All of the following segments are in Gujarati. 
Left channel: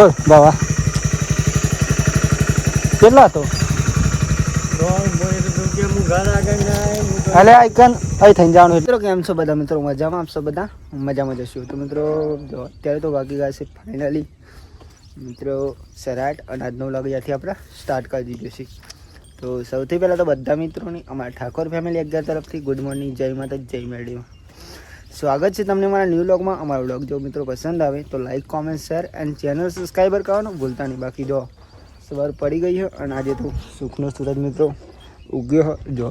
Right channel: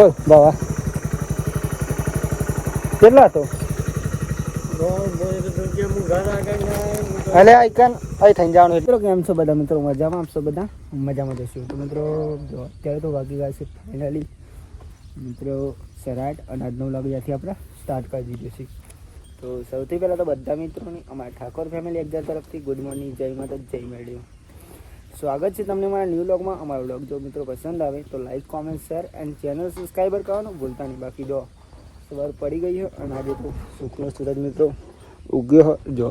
બોલ, બાવા. કેટલા હતો અલે આઈકન અહીં થઈને જવાનું મિત્રો, કેમ છો બધા? મિત્રો, મજામાં? આપશો બધા? મજામાં જશું તો મિત્રો અત્યારે તો વાગી ગયા છે ફાઇનલી મિત્રો સરાટ અને આજનો વ્લોગ ત્યાંથી આપણે સ્ટાર્ટ કરી દીધું છે. તો સૌથી પહેલાં તો બધા મિત્રોની, અમારા ઠાકોર ફેમિલી અગિયાર તરફથી ગુડ મોર્નિંગ જય માતા જય મેળ્યો. સ્વાગત છે તમને મારા ન્યૂ બ્લોગમાં અમારો બ્લોગ જો મિત્રો પસંદ આવે તો like comment share and channel subscriber કરવાનું ભૂલતા નહીં. બાકી જો સવાર પડી ગઈ છે અને આજે તો સુખનો સૂરજ મિત્રો ઉગ્યો. જો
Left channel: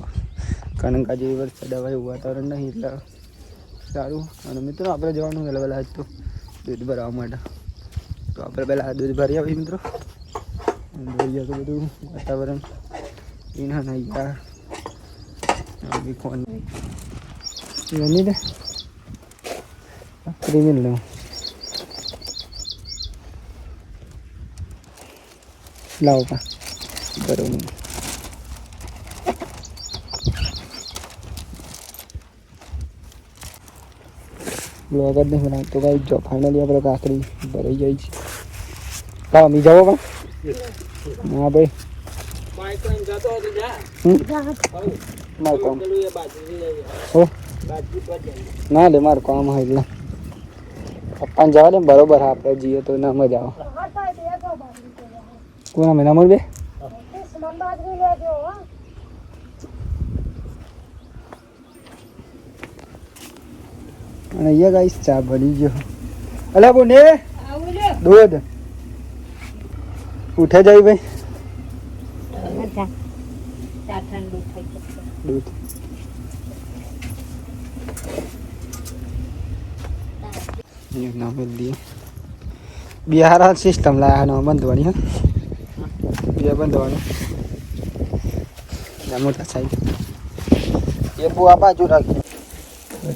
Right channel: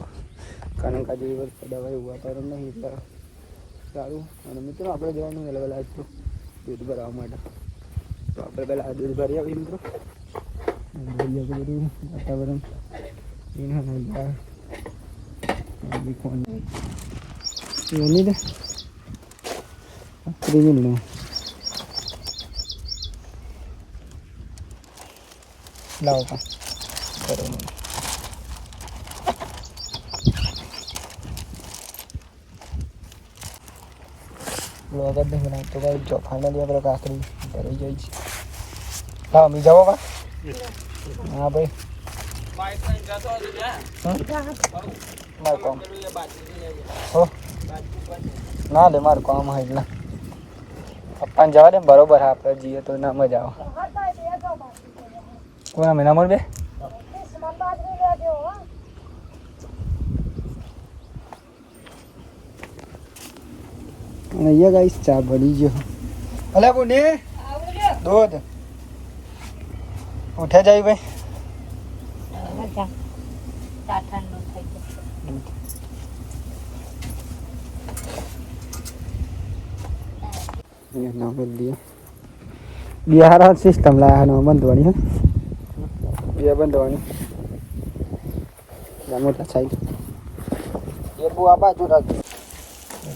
કારણ કે આજે વરસાદ આવે, વાતાવરણ નહીં એટલે સારું. અને મિત્રો આપણે જવાનું વહેલા વહેલા આજ તો દૂધ ભરાવા માટે. તો આપણે પહેલાં દૂધ ભરી આવીએ મિત્રો. ભરી તો બધું વાતાવરણ. એના નહીં યાર. ફોન એની રે ક્રિમિનલ નો લાવો પા બરોબર બ્લોગ જ નહીં બનાવી તો ભાઈ જો ફાઇનલી આપણે કાકડી ભરાઈ જાય છે લાવો મી જાવો પા ના ભાઈ બાઈક લઈને જતો હતો જ્યાં હમ? હઉ. મારું કામ પેલું એ બાજુ જઈ જાય. હો બાજુ પર જઈએ. ના લે મારું કામ હોય એટલે પપ્પાને જવા દે બરોબર, હા, આપણે જઈએ તો ના મજા આવે. કોના મહિના મળ બે અને અહીંયા ગાઈસ ચા બની ગયો. અલ્યા બોને, દૂધ. ઉઠે જાય ભાઈ દૂધ ના બદલીએ બિહાર સિસ્ટમ લાવવાનો બંધવાની હા? બે બંધવાનું. ના મોટા સાઈડ એ બુ આ બાજુ રાખી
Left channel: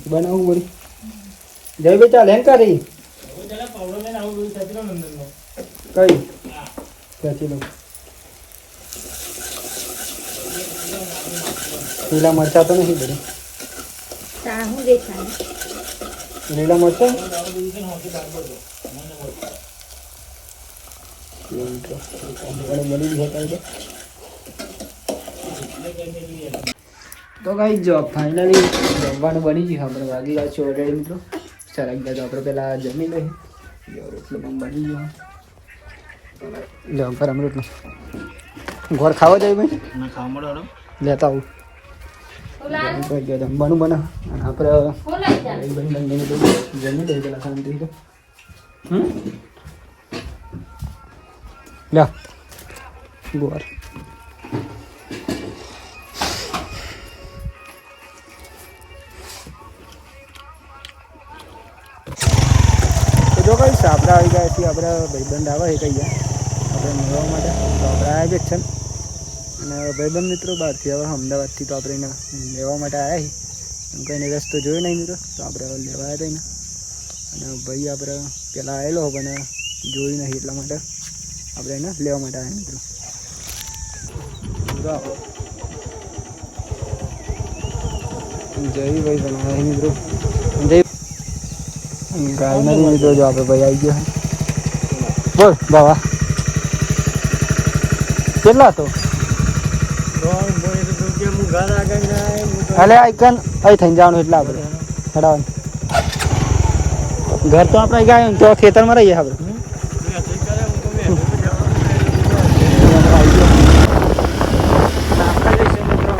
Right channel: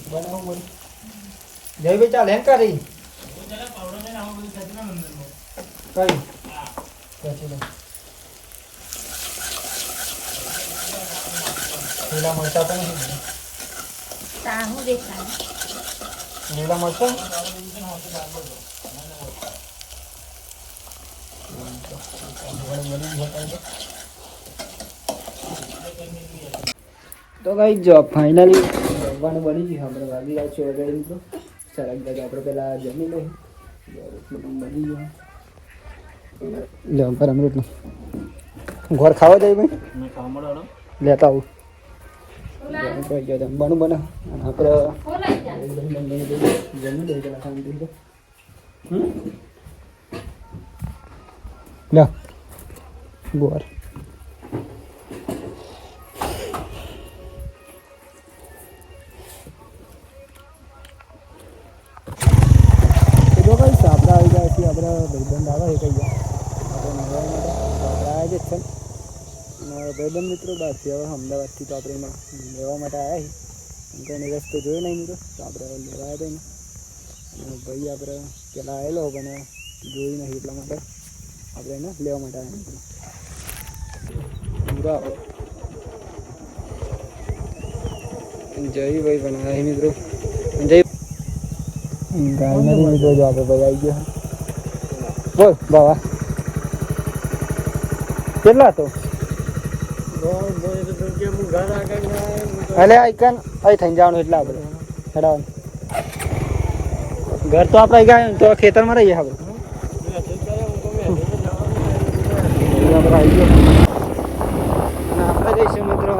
બનાવવું વળી. જય બેટા લેન કરી. હું. કઈ? પછી લો લીલા મરચા તો નથી બધું લીલા મરચા? તો કઈ જો ફાઇનલી જમવાનું બની ગયું આપણે વાગી ગયા છે ઓલરેડી મિત્રો. સરસ ગયા તો આપણે પહેલાં જમી લઈએ. રોટલો પણ બની ગયો. જો ગરમ રોટલો ઘર ખાવા જાય ભાઈ? લેતા આવું. જમી ગયો જમવાનું બને અને આપણે બંને જમી લઈએ પેલા શાંતિ લ્યો ગોર જો કઈ આપણે આવી ગયા છીએ આપણા ભાઈબંધ આવે છે કઈ આપણે મેળવવા માટે તો આપણે આવ્યા જ છે અને ભાઈબંધ મિત્રો, બહારથી હવે અમદાવાદથી તો આપણે એના લેવા માટે આવ્યા છીએ એમ કંઈને રસ્તો જોયો નહીં મિત્રો, તો આપણે હવે લેવા આવ્યા હતા અને ભાઈ આપણે પહેલાં આવેલો પણ જોયું નહીં એટલા માટે આપણે એને લેવા માટે આવ્યા મિત્રો. જય ભાઈ, પણ આવ્યા મિત્રો. જય મિત્રો જો ભાઈ આવી ગયો બોલ, બાવા. કેટલા હતો? અલે આઈકન અહીં થઈને જવાનું એટલે આપણે હેડાવાનું. ઘર તો આપણે ગયા તો ખેતરમાં રહીએ આપણે. આપણે જઈશું મિત્રો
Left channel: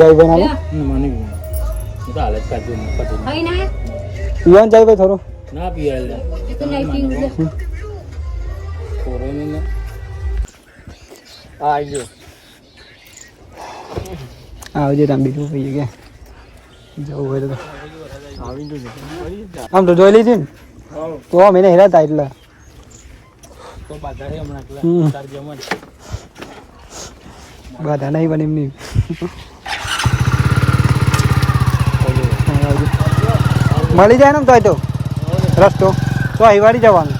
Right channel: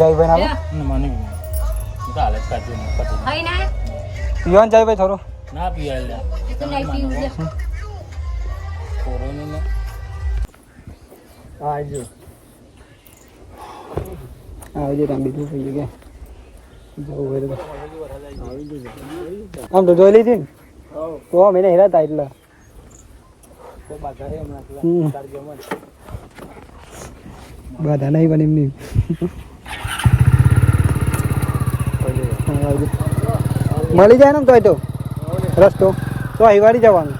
આમાં ઘેર જય ભાઈ નામ? મને તો હાલત કાઢી દઉં, કાઢી દઉં. પીવાનું જાય ભાઈ થોડું? ના પીવાય લે. કોરોની ને. આ જો. આવજે તમે બીજું ભાઈ કે જવું હોય તો આમ તો જોઈ લીધી ને? તો આમ એને હેરાતા એટલે. બાધા નહીં પણ એમની. મળી જાય ને તોય તો. રસ્તો. તો અહીંવાડી જવાનું.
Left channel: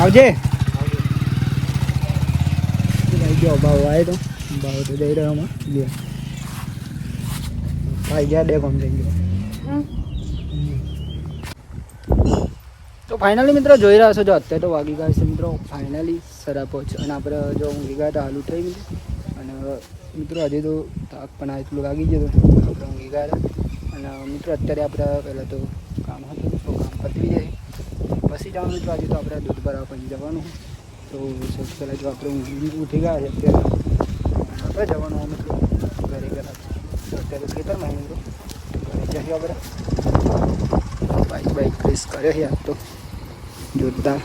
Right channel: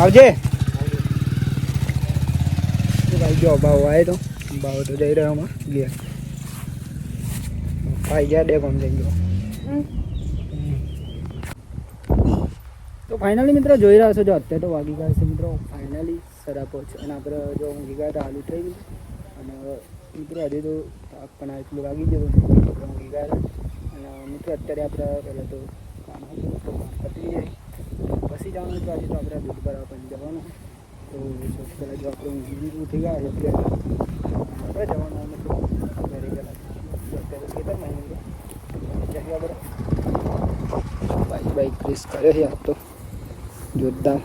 આવજે. ગયો ભાવ આવે તો. ભાવ તો જઈ રહ્યો હમણાં. લે. ભાઈ ગયા બે કોમ જઈ ગયો. તો ફાઇનલી મિત્રો જોઈ રહ્યા છો જો અત્યારે તો વાગી ગયા છે મિત્રો. ફાઇનલી સરા અને આપણે જો ઊંઘી ગયા તો હાલ ઉઠાઈ ગયું. અને મિત્રો હજી તો થાક પણ આ એટલું લાગી ગયું હતું આપણે ઊંઘી ગયા હતા અને મિત્રો, અત્યારે આપણે પહેલાં તો કામ હતું મિત્રો કામ પતી જાય. પછી જવાનું મિત્રો, આજે તો આપણે દૂધ ભરાવા પછી જવાનું તો સૌથી પહેલાં જો આપણે ઊંઘી ઉઠી ગયા છે અત્યારે, આપણે જવાનું હોય મિત્રો, ઘરે ગયા તો અત્યારે ખેતરમાં આવી મિત્રો, ઘરે જઈએ આપણે. બાઇક બાઇક પ્રેસ કરે છે આજ તો. જોરદાર.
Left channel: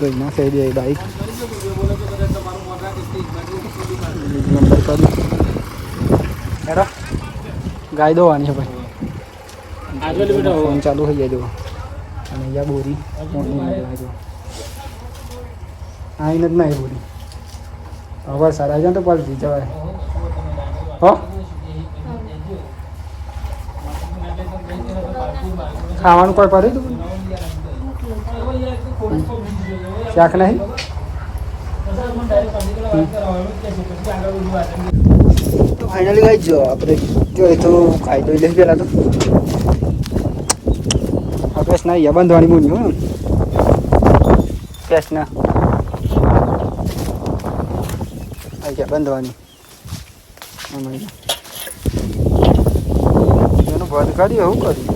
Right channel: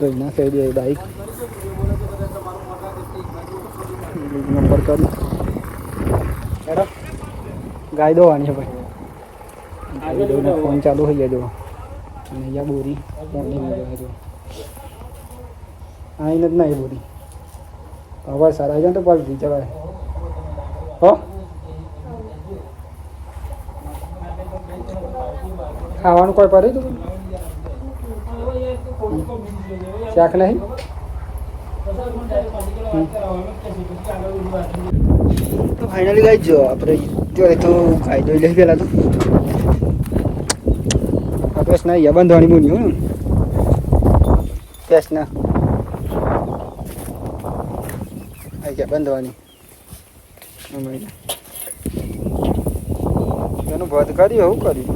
જોઈ નાખે દે બાઇક નંબર કરી. હેડો. ગાય દોવાની છે ભાઈ. ફોન ચાલુ થઈ જાય જો. અને અહીંયા બોરી ફોન જોવા જો. આઈને જ નહીં બોરી. હવે સારા છે ને તો પલટી જવાય. હો? ખાવાનું કોઈ પડી તું? શાક નહીં? તો ફાઇનલી ગાઈ જો આપણે જો એ તો ખાઈ દઈ લઈ પેલા તો. આપણે ના યા બંધવાની બની હું કેસ ના આ ગયા બંધવાની? એનું બંધ કર્યું એવું કર્યું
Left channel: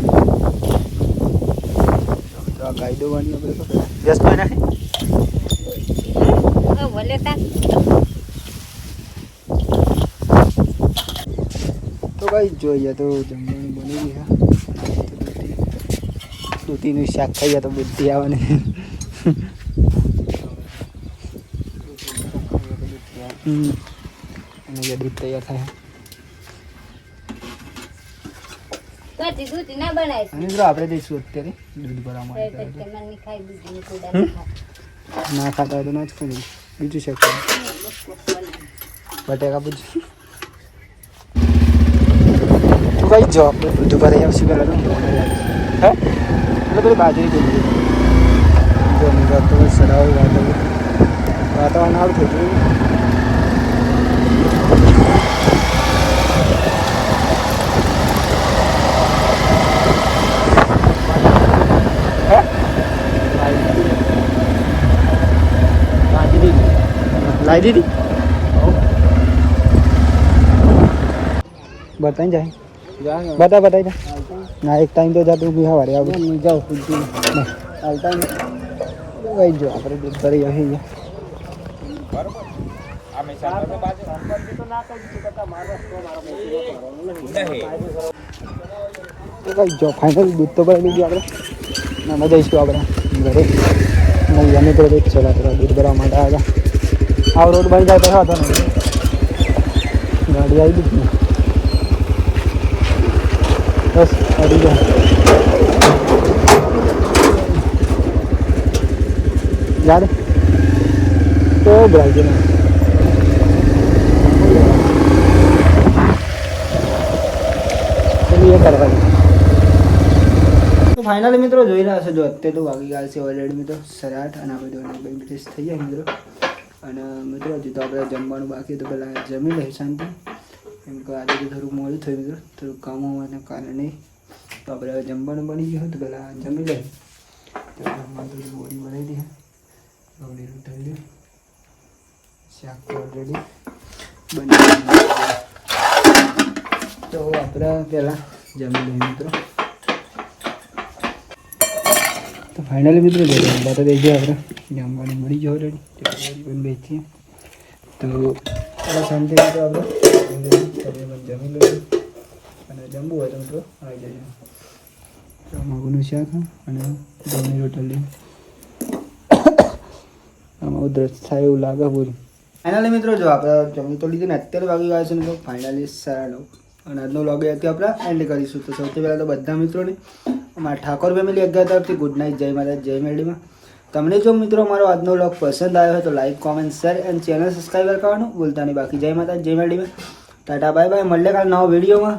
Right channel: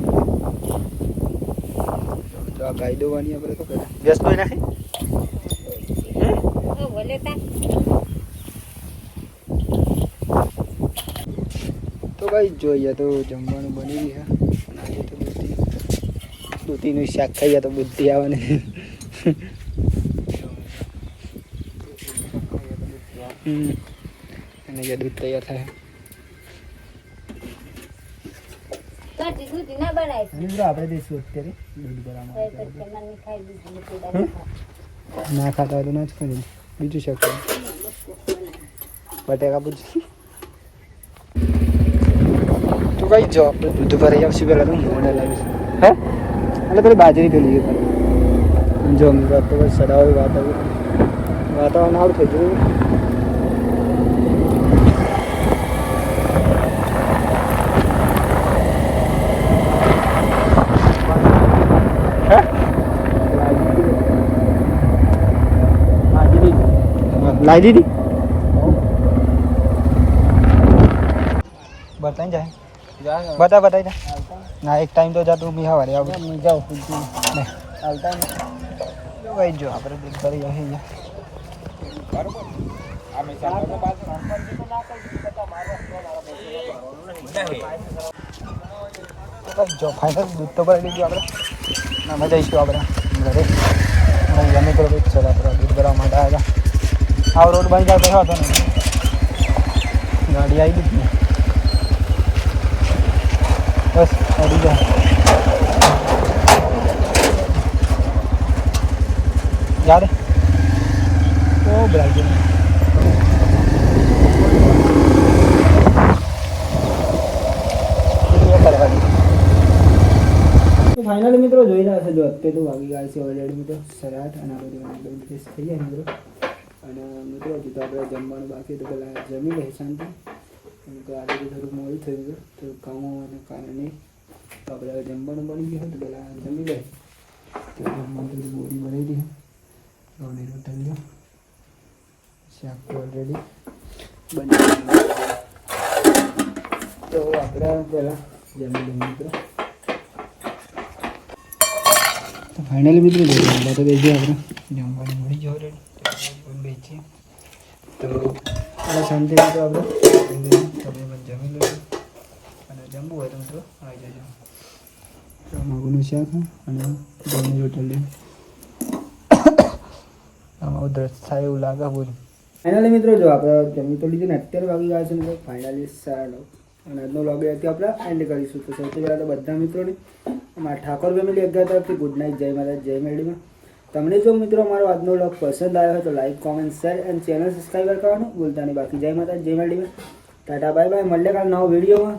તો ગાઈ દોવાની આપણે તો ગેસ કોઈ નાખી તો. કઈ જોઈએ તો જમવાનું બની ગયું અને આજે તો દૂધી દૂધીનું શાક ખાઈએ તો બુદ્ધિ આવે ને અને જે દૂધ તૈયાર થાય. આપણે જઈશું અત્યારે દૂધ ભરવા માટે. ના ખાતા હોય તો ના જ ખાઈ બીજું છે બટેકા પૂછ તું કઈ જો, આપણે દૂધ ભરાઈ આવશું પહેલાં તો મોને લાગે. હે? એટલે પેલી બાજરી પેલી જો તો સરાવ વાતાવરણ વાતાવરણ સારું થઈ ગયું. લાવી દીધી બતાવી જાય બતા બતાવી જા ના એક ટાઈમ તો જાતું બી હવારે આવું જાઉં હાલતા ભાઈ જો આપણે દૂધ ભરી આવી તો ભાઈ જો ફાઇનલ દૂધ તો ભરી દીધું આપણે મજા આવીશું આપણે ઘરે નહીં અમે તો દૂધ છે આપણે દૂધ ભરવા માટે આવ્યા આ રોડ બંધ જાય તો હા ગાડી આવી ગઈ. બસ, આવી જાય યાર, તો કરવાની તો ફાઇનલી મિત્રો જોઈ રહ્યા છો જો અત્યારે વાગી ગયા છે ઓલરેડી મિત્રો. સરાટ અને આપણે જોઈને બે ફ્રેશ થઈ જાય મિત્રો. અને મિત્રો, હજી તો આપણે જમવાનું બાકી તો પહેલાં જમી લઈએ શાંતિ. કેમ કે આજે તો થોડુંક મોડું થયું મિત્રો થોડુંક કામ હોવાના કારણે. તો આપણે હવે જમવાનું બની ગયું તો પહેલાં જમી લઈએ. તો જમવાનું થોડી બોડી બનાવી દઈએ. રોટી રોટાઈને શાક તો ઓલરેડી બની તો આપણે પહેલાં જમી લઈએ મિત્રો તો ફાઇનલી મિત્રો જો તો દેજો આપણે જમવાનું મળી ગયો ઓલરેડી પણ વેચીએ તો આ શાંતિ મિત્રો આપણે તમે પણ જમી લો અને જમવું હોય તો મિત્રો આવી જજો માગુનું શાક અને ઘઉંની રોટલી આમાં ઉધરસ થાય એવું લાગે પૂરું ફાઇનલી મિત્રો જો આપણે જમી તો લીધું ને અત્યારે વાગી ગયા છે ને તો ફાઇનલી સારા નવ અને આજનો લોગ અહીંયાથી આપણે એન્ડ કરીશું. તો સૌથી પહેલાં તો બધા મિત્રોને, અમારા ઠાકોર ફેમિલી અગિયાર તરફથી ગુડ નાઇટ જય માતા જય મેળીમાં તમને જો મિત્રો મારો આજનો લોગ પસંદ આવ્યો હોય તો like comment share and channel subscriber કરવાનું ભૂલતા નહીં. બાકી જય માતા જય મેળીમાં ટાટા બાય બાય મળીએ કાલ નવો વિડીયોમાં